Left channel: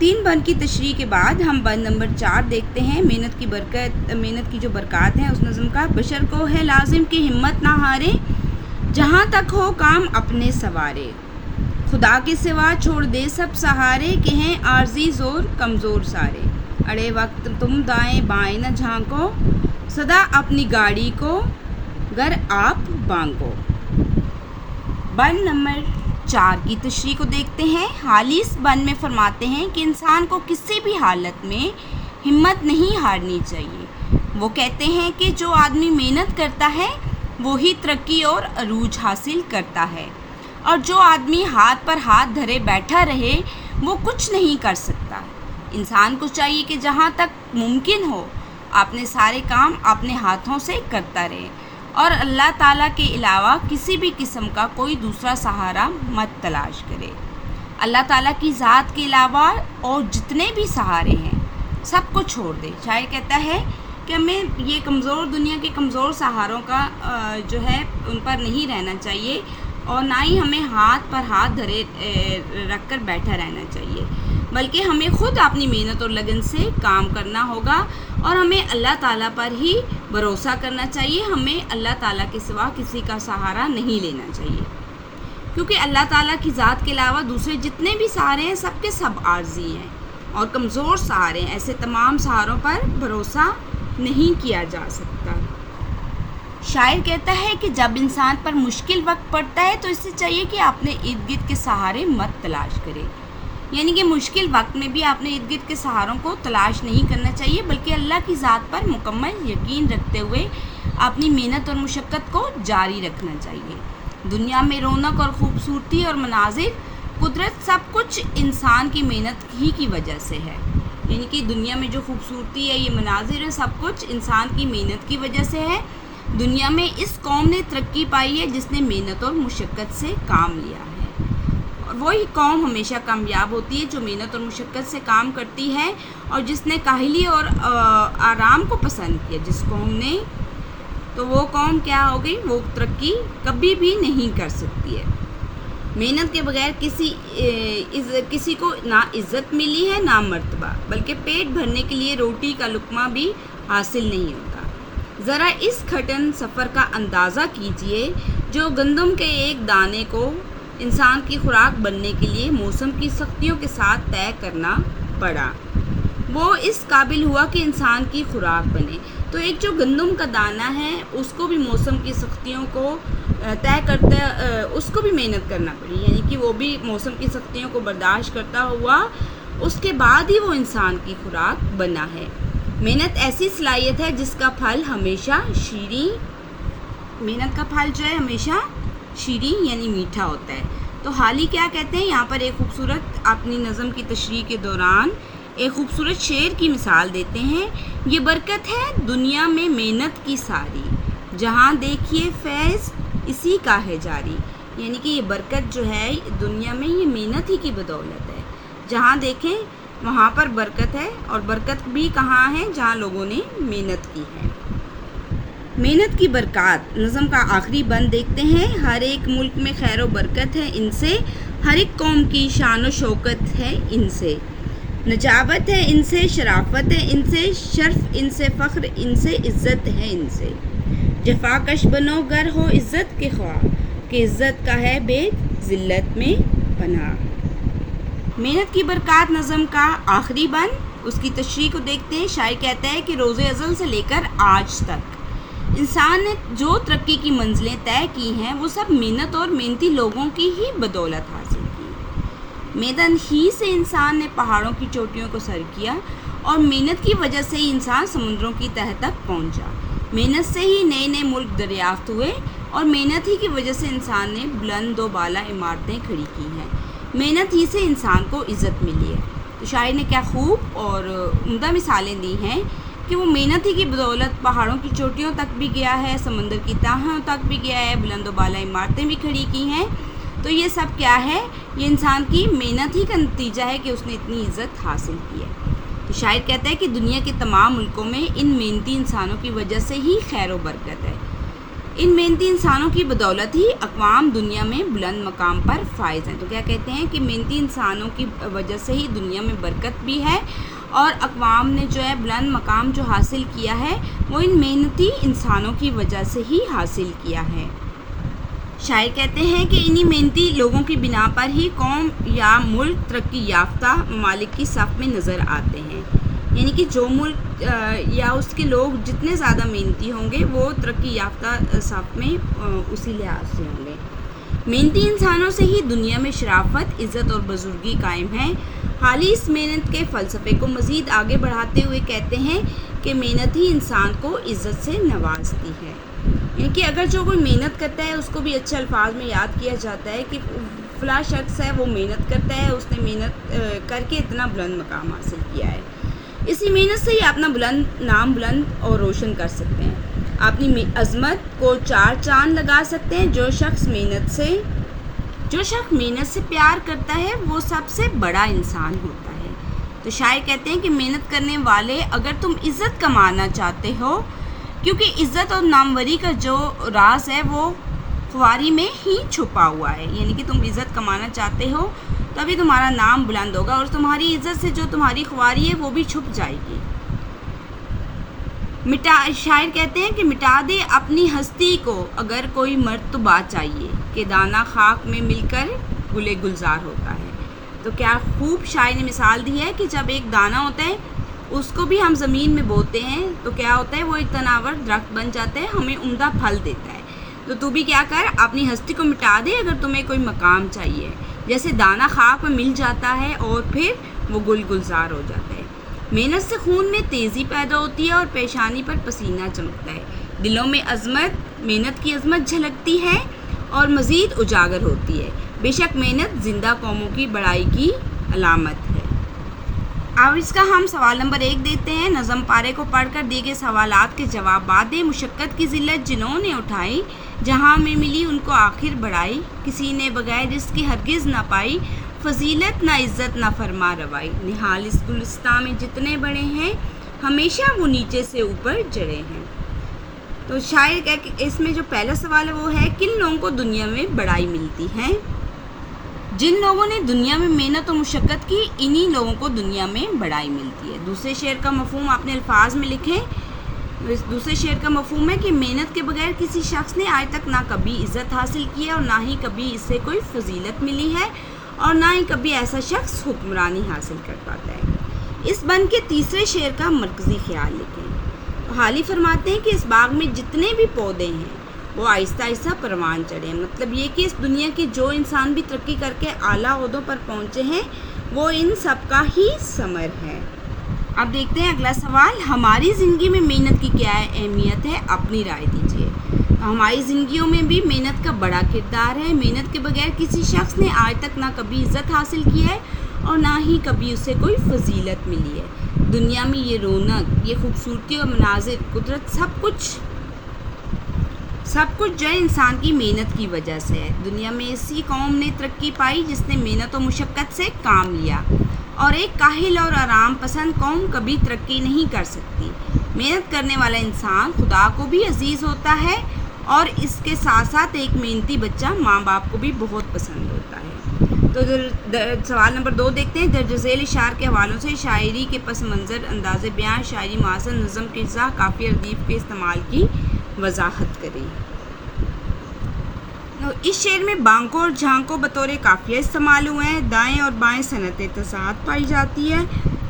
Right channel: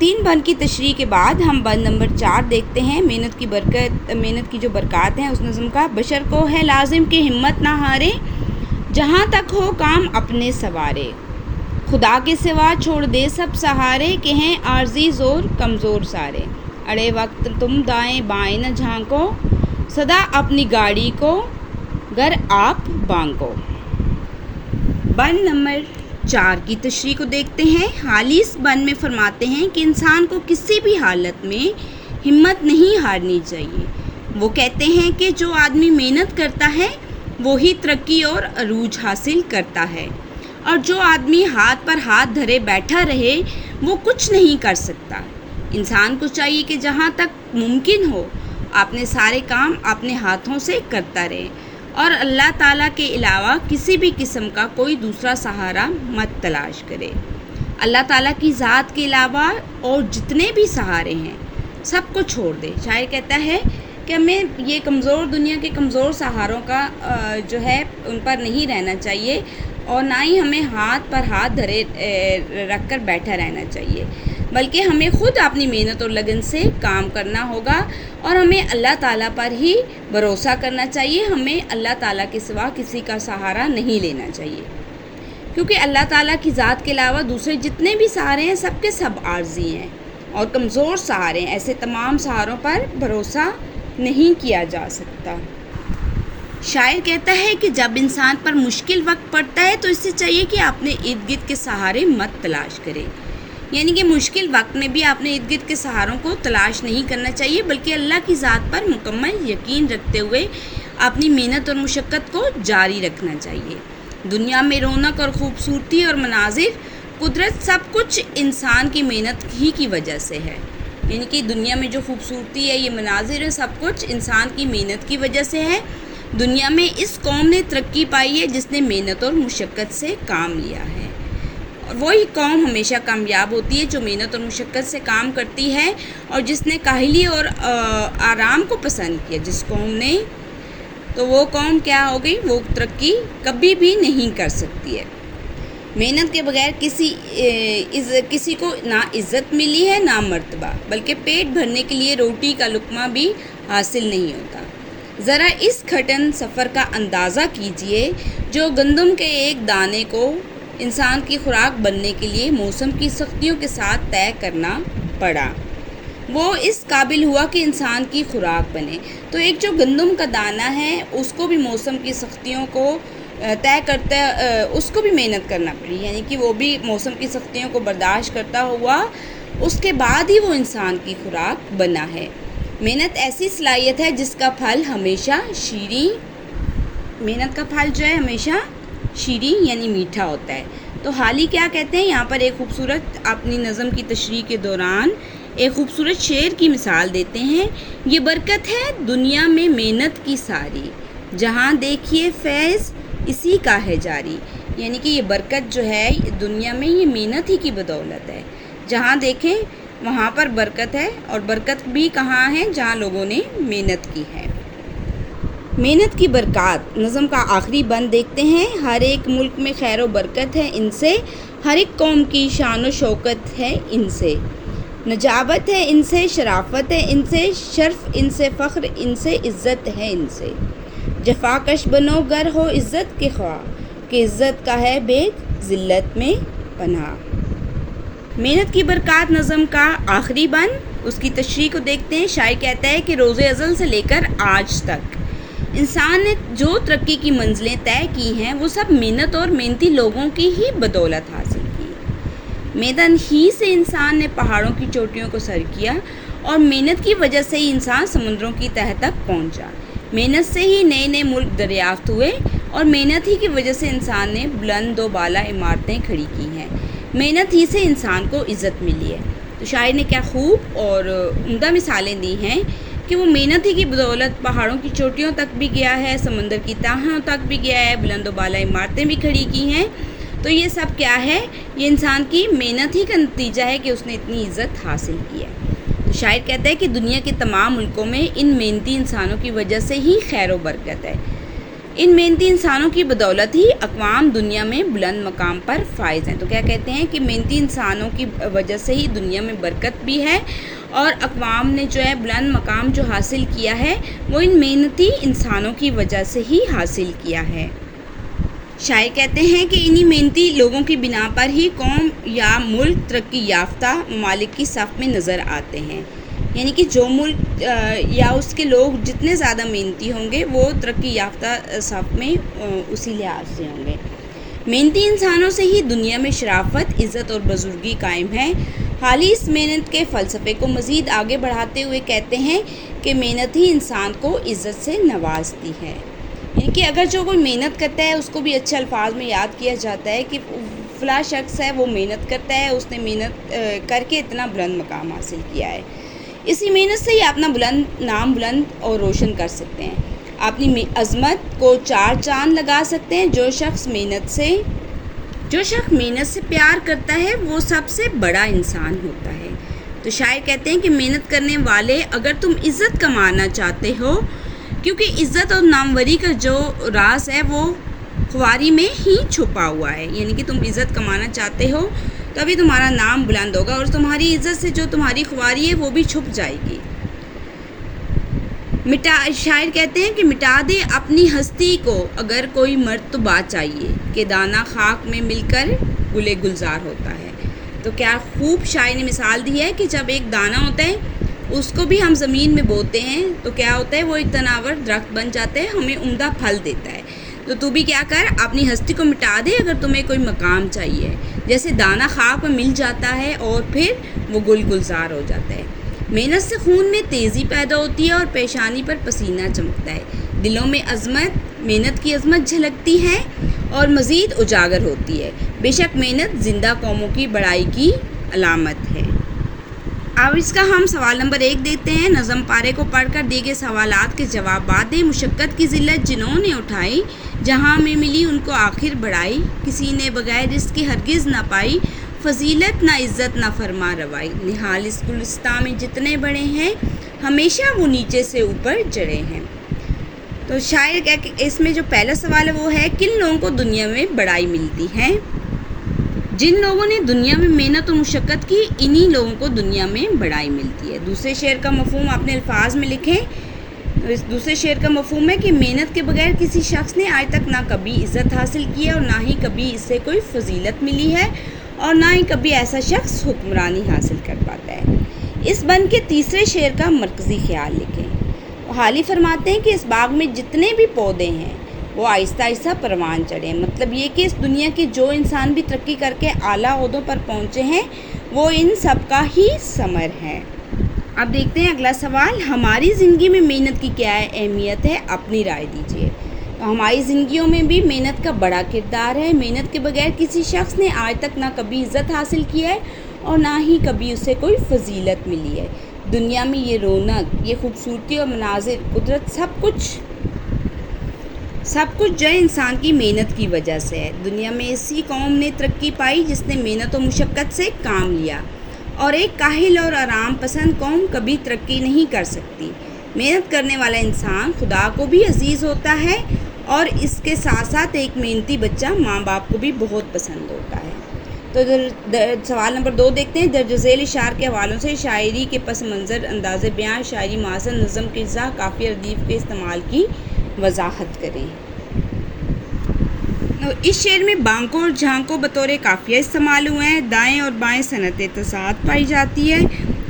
3 بند کی تشریح کے بعد ہم بند نمبر 4 دیکھتے ہیں۔ محنت کی جو برکات ہیں اس نظم کا۔ بشر کو ہے لازم کہ ہمت نہ ہارے، جہاں تک ہو کام اپنے سوارے، خدا کے سوا چھوڑ دے سب سہارے، کہ ہیں عارضی زور کمزور سارے، اڑے وقت تم دائیں بائیں نہ جھانکو، سدا اپنی گاڑی کو گر آپ بانکو۔ بند نمبر 4 کی تشریح کو دیکھتے ہیں۔ حالی اس بند میں فرماتے ہیں کہ انسان کو کسی بھی حالت میں ہمت نہیں ہارنی چاہیے۔ وہ کہتے ہیں کہ جو آدمی محنت کرتا ہے وہی ترقی اور عروج حاصل کرتا ہے، اور جو آدمی ہاتھ پر ہاتھ دھرے بیٹھا رہے وہ کچھ نہیں کر سکتا۔ انسان کو چاہیے کہ جہاں تک ممکن ہو اپنے سارے کام اپنے ہاتھوں سے کرتا رہے، اور اللہ تعالیٰ کے علاوہ کسی بھی قسم کا کوئی دوسرا سہارا مت تلاش کرے۔ اللہ تعالیٰ کی ذات کے علاوہ اور جتنے بھی سہارے ہیں سب کو چھوڑ دے۔ شاعر کہتا ہے کہ ہمیں یہ کمزور دنیا کے کمزور سہاروں کا جو ہے ان پر نہیں رہنا چاہیے، اور نہ ہی ہمیں ہاتھ پر ہاتھ دھرے رکھ کر بیٹھا رہنا چاہیے، بلکہ ہمیں خود اپنی محنت اور لگن سے کام کرنا ہوگا، اور ہمیں اللہ تعالیٰ پر ہی بھروسہ کرنا چاہیے۔ ہمیں اللہ تعالیٰ کے سوا کسی کا سہارا نہیں لینا چاہیے، کیونکہ اللہ تعالیٰ کی ذات کے علاوہ دوسرے جتنے بھی سہارے ہیں سب کے سب عارضی ہیں اور کمزور سہارے ہیں۔ ایسے تمام سہاروں پر بھروسہ نہیں کیا جا سکتا۔ شاعر کہتا ہے کہ جب انسان پر مشکل وقت پڑتا ہے تو اس سے چاہیے کہ اپنے ارد گرد کے سہارے مت تلاش کرے، یعنی کہ مشکل وقت میں بھی اپنے ارد گرد کے سہاروں کو تلاش نہیں کرنا چاہیے، بلکہ اللہ کی ذات پر مکمل یقین رکھتے ہوئے اپنی محنت اور مشقت کو جاری رکھنا چاہیے۔ دنیا میں رونق اور خوبصورتی اور مناظر، قدرت، سب کچھ انسان کی محنت ہی کی وجہ سے ہے، یعنی کہ دنیا میں جو خوبصورتی ہے، یہ مناظر ہے، سب کچھ انسان کی محنت کی وجہ سے ہے۔ دنیا میں اس قوم نے ترقی پائی ہے جس نے محنت اور مشقت سے کام لیا ہے، اور وہی قوم ہمیشہ کامیاب ہوتی ہے جو محنت اور مشقت سے کام کرتی ہے، اور جس نے کاہلی اور آرام کو پسند کیا، جس قوم نے، تو وہ قوم کیا ہو گئی، وہ ترقی کبھی بھی نہیں کر سکتی ہے۔ محنت کے بغیر کسی کو نہ عزت ملی ہے نہ مرتبہ، بلکہ پیٹ بھرنے کے لیے روٹی کا لقمہ بھی حاصل نہیں ہوتا۔ ذرا اس کٹھن سفر کا اندازہ کیجئے جو گندم کے ایک دانے کو انسان کی خوراک بننے کے لیے موسم کی سختیوں کے ساتھ طے کرنا پڑا، وہ اس قابل ہوا کہ انسان کی خوراک بنے۔ تو ایک جو گندم کا دانہ ہے اس کو بھی موسم کی سختیوں کو طے کرتا اس کو بھی محنت کرنا پڑی، یعنی کہ وہ بھی موسم کی سختیوں کو برداشت کرتا ہوا اس کے بعد ہی وہ انسان کی خوراک بنا ہے۔ محنت ایسی صلاحیت ہے جس کا پھل ہمیشہ محنت کا پھل جو ہے ہمیشہ شیریں یعنی میٹھا ہوتا ہے۔ تو حالی کیا کہتے ہیں یہاں پر، ایک خوبصورت اپنی نظم کی تشریح کے دوران ایک خوبصورت شعر کی مثال دیتے ہیں۔ یہ برکت ہے دنیا میں محنت کی ساری، جہاں دیکھیے فیض اسی کا ہے جاری، یعنی کہ یہ برکت جو ہے دنیا میں یہ محنت ہی کی بدولت ہے، جہاں دیکھیں وہاں پر برکت ہے، اور برکت بھی کہاں ہے، جہاں لوگوں نے محنت کی ہے۔ محنت کی برکات نظم کا آخری بند دیکھتے ہیں۔ ہر ایک ملک میں خیر و برکت ہے ان سے، ہر ایک قوم کی شان و شوکت ہے ان سے، نجابت ہے ان سے، شرافت ہے ان سے، شرف ان سے، فخر ان سے، عزت ہے ان سے۔ جفا کش بنو گر ہو عزت کے خواہ، کہ عزت کا ہے بیگ ذلت میں پناہ۔ محنت کی برکات نظم کا آخری بند، اس کی تشریح کو دیکھتے ہیں۔ شاعر کہتا ہے کہ روز ازل سے لے کر آج تک انسان نے جو ترقی کی منزلیں طے کی ہیں وہ سب محنت اور محنتی لوگوں کی ہی بدولت حاصل کی۔ محنت ہی سے انسان نے پہاڑوں کی چوٹیوں کو سر کیا، اور محنت کی وجہ سے ہی انسان سمندروں کی تہہ تک پہنچا۔ محنت سے ہی نئے نئے ملک دریافت ہوئے، اور محنت ہی کی وجہ سے انسان نے بلند و بالا عمارتیں کھڑی کی ہیں۔ محنت ہی سے انسان کو عزت ملی ہے۔ تو شاعر نے کیا خوب اور عمدہ مثالیں دی ہیں کہ وہ محنت ہی کی بدولت پہاڑوں کی چوٹیوں تک بھی گیا ہے، سمندر کی تہوں تک بھی گیا ہے، بلند و بالا عمارتیں بھی کھڑی کی ہیں۔ تو یہ سب کیا ہے، یہ انسان کی محنت ہی کا نتیجہ ہے کہ اس نے اتنی عزت حاصل کی ہے۔ تو شاعر کہتا ہے کہ دنیا کے تمام ملکوں میں ان محنتی انسانوں کی وجہ سے ہی خیر و برکت ہے۔ ان محنتی انسانوں کی بدولت ہی اقوام دنیا میں بلند مقام پر فائز ہیں. تو کیا کہتے ہیں کہ محنتی انسانوں کی وجہ سے ہی دنیا میں برکت بھی ہے اور اقوام نے جو ہے بلند مقام جو حاصل کیا ہے وہ ان محنتی انسانوں کی وجہ سے ہی حاصل کیا ہے. شاعر کہتے ہیں کہ انہی محنتی لوگوں کی بنا پر ہی قوم یا ملک ترقی یافتہ ممالک کی صف میں نظر آتے ہیں. یعنی کہ جو ملک یا اس کے لوگ جتنے زیادہ محنتی ہوں گے وہ ترقی یافتہ صف میں اسی لحاظ سے ہوں گے. محنتی انسانوں سے ہی دنیا میں شرافت، عزت اور بزرگی قائم ہے. حالی اس محنت کے فلسفے کو مزید آگے بڑھاتے ہوئے کہتے ہیں کہ محنت ہی انسان کو عزت سے نوازتی ہے. یعنی کہ اگر جو کوئی محنت کرتا ہے اس کو بھی اچھے الفاظ میں یاد کیا جاتا ہے کہ فلاں شخص ہے وہ محنت کرتا ہے، اس نے محنت کر کے اتنا بلند مقام حاصل کیا ہے. اسی محنت سے ہی اپنا نام بلند اور روشن کر سکتے ہیں. اپنی عظمت کو 4 چاند لگا سکتے ہیں. جو شخص محنت سے پیار کرتا ہے وہ سب سے بڑا انسان ہوتا ہے. تو شاعر کہتے ہیں کہ محنت کرنے والے اگر تم عزت کمانا چاہتے ہو، کیونکہ عزت اور ناموری کا جو راز ہے وہ خواری میں ہی چھپا ہوا ہے. یعنی کہ تم عزت کمانا چاہتے ہو تبھی تمہارا نام بلند ہوگا اور تمہاری عزت سے جو تمہاری خواری ہے وہ بھی چھپ جائے گی. شاعر کہتے ہیں کہ مٹا دے اپنی ہستی کو اگر کوئی مرتبہ چاہیے کہ دانہ خاک میں مل کر گلے گلزار ہوتا ہے. تو کیا خوب شاعر نے مثال دی ہے کہ جب ایک دانہ ہوتا ہے اس کو بھی ہم زمین میں بوتے ہیں تو کیا ہوتا ہے، وہ ایک تناور درخت بن جاتا ہے، ہمیں عمدہ پھل دیتا ہے. تو بھی کیا کر، اپنی ہستی کو مٹا دے اگر تمہیں کوئی مقام چاہیے. جیسے دانہ خاک میں مل جاتا ہے اور پھر وہ گل گلزار ہو جاتا ہے. محنت سے خون میں تیزی پیدا ہوتی ہے اور پیشانی پر پسینہ چمکتا ہے. دلوں میں محنت کی عظمت جھلکتی ہے اور مزید اجاگر ہوتی ہے. بے شک محنت زندہ قوموں کی بڑائی کی علامت ہے. اب اس کا ہم سوال نمبر 1 دیکھتے ہیں. نظم پارے کو پڑھ کر دیے گئے سوالات کے جوابات دیں. مشقت کی ذلت جنہوں نے اٹھائی، جہاں میں ملی ان کو آخر بڑائی. کسی نے بغیر رزق کے ہرگز نہ پائی، فضیلت نہ عزت نہ فرما روائی. نہال اس گلستان میں جتنے بڑے ہیں، ہمیشہ وہ نیچے سے اوپر چڑھے ہیں. تو شاعر کہ اس میں جو پہلا سوال ہے وہ ہے کن لوگوں کو دنیا میں بڑائی ملتی ہے؟ جن لوگوں نے دنیا میں محنت و مشقت کی، انہی لوگوں کو دنیا میں بڑائی ملتی ہے. دوسرے شعر کا مفہوم اپنے الفاظ میں لکھیں. دوسرے شعر کا مفہوم ہے کہ محنت کے بغیر کسی شخص نے آج تک نہ کبھی عزت حاصل کی ہے اور نہ ہی کبھی اس سے کوئی فضیلت ملی ہے اور نہ ہی کبھی ایسا شخص حکمرانی حاصل کر پاتا ہے. اس بند کے تیسرے شعر کا مرکزی خیال لکھیں. حالی فرماتے ہیں کہ اس باغ میں جتنے بھی پودے ہیں وہ آہستہ آہستہ پروان چڑھے. مطلب یہ کہ اس دنیا کے جو انسان بھی ترقی کر کے اعلیٰ عہدوں پر پہنچے ہیں وہ ان سب کا ہی ثمر ہے. اب دیکھتے ہیں اگلا سوال. ہماری زندگی میں محنت کی کیا اہمیت ہے؟ اپنی رائے دیجیے. ہماری زندگیوں میں بھی محنت کا بڑا کردار ہے. محنت کے بغیر کسی شخص نے آج تک نہ کبھی عزت حاصل کی ہے اور نہ ہی کبھی اسے کوئی فضیلت ملی ہے. دنیا میں یہ رونق، یہ خوبصورتی اور مناظر، قدرت، سب کچھ جو ہے انسان کی محنت کی وجہ سے ہے. دنیا میں اسی قوم نے ترقی پائی جس نے محنت و مشقت سے کام لیا، اور ایک کاہل اور آرام پسند قوم کبھی ترقی نہیں کر سکتی. محنت کرنے والا انسان خدا کو بھی عزیز ہوتا ہے اور اس کے ساتھ ساتھ ایک محنتی بچہ ماں باپ کو بھی بہت پسند ہوتا ہے. تو سوال نمبر 2 دیکھتے ہیں. درج ذیل اشعار کے حوالوں سے شاعری کے پس منظر، انداز بیان، شاعری محاسن، نظم کے اجزاء، قافیہ ردیف کے استعمال کی وضاحت کریں. اس شعر میں بانکوں اور جھانکوں بطور قافیہ استعمال ہوئے ہیں. دائیں اور بائیں صنعت تضاد پائی جاتی ہے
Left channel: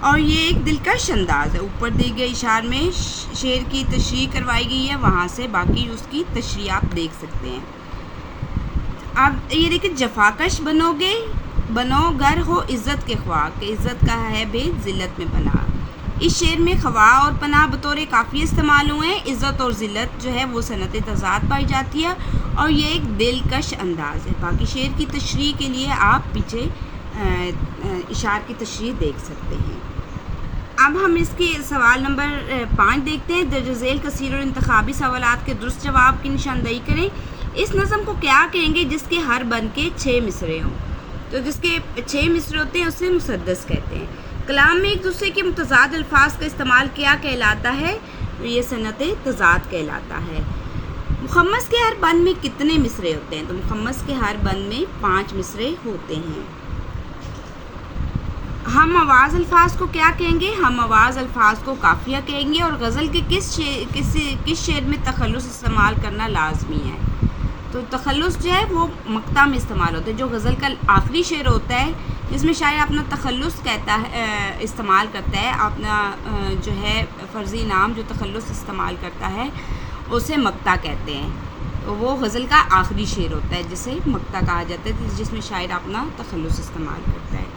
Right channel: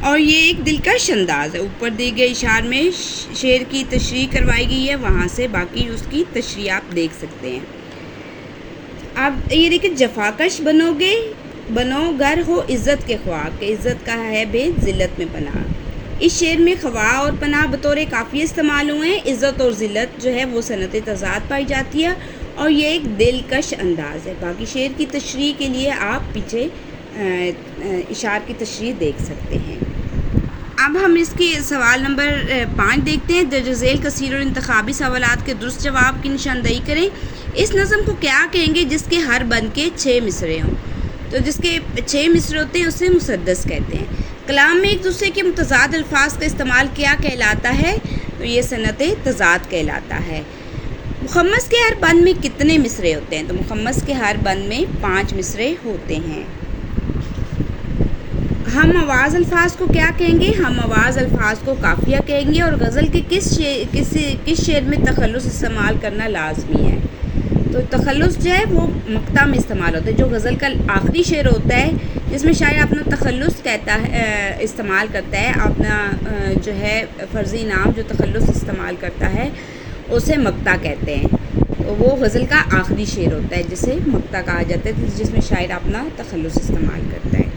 اور یہ ایک دلکش انداز ہے. اوپر دی گئی اشعار میں شعر کی تشریح کروائی گئی ہے، وہاں سے باقی اس کی تشریح آپ دیکھ سکتے ہیں. اب یہ دیکھیں. جفاکش بنو گر ہو عزت کے خواہ، کہ عزت کا ہے بھید ذلت میں پناہ. اس شعر میں خواہ اور پناہ بطور قافیہ استعمال ہوئے ہیں. عزت اور ذلت جو ہے وہ صنعت تضاد پائی جاتی ہے اور یہ ایک دلکش انداز ہے. باقی شعر کی تشریح کے لیے آپ پیچھے اشعار کی تشریح دیکھ سکتے ہیں. اب ہم اس کی سوال نمبر 5 دیکھتے ہیں. درج ذیل کثیر اور انتخابی سوالات کے درست جواب کی نشاندہی کریں. اس نظم کو کیا کہیں گے جس کے ہر بند کے 6 مصرے ہوں؟ تو جس کے 6 مصرے ہوتے ہیں اسے مسدس کہتے ہیں. کلام میں ایک دوسرے کے متضاد الفاظ کا استعمال کیا کہلاتا ہے؟ تو یہ صنعت تضاد کہلاتا ہے. مخمس کے ہر بند میں کتنے مصرے ہوتے ہیں؟ تو مخمس کے ہر بند میں 5 مصرے ہوتے ہیں۔ ہم آواز الفاظ کو کیا کہیں گے؟ ہم آواز الفاظ کو قافیہ کہیں گے۔ اور غزل کے کس شعر میں تخلص استعمال کرنا لازمی ہے؟ تو تخلص جو ہے وہ مقطع میں استعمال ہوتا ہے، جو غزل کا آخری شعر ہوتا ہے جس میں شاعر اپنا تخلص کہتا ہے، استعمال کرتا ہے، اپنا جو ہے فرضی نام جو تخلص استعمال کرتا ہے اسے مقطع کہتے ہیں۔ وہ غزل کا آخری شعر ہوتا ہے جسے مقطع کہا جاتا ہے، جس میں شاعر اپنا تخلص استعمال کرتا ہے۔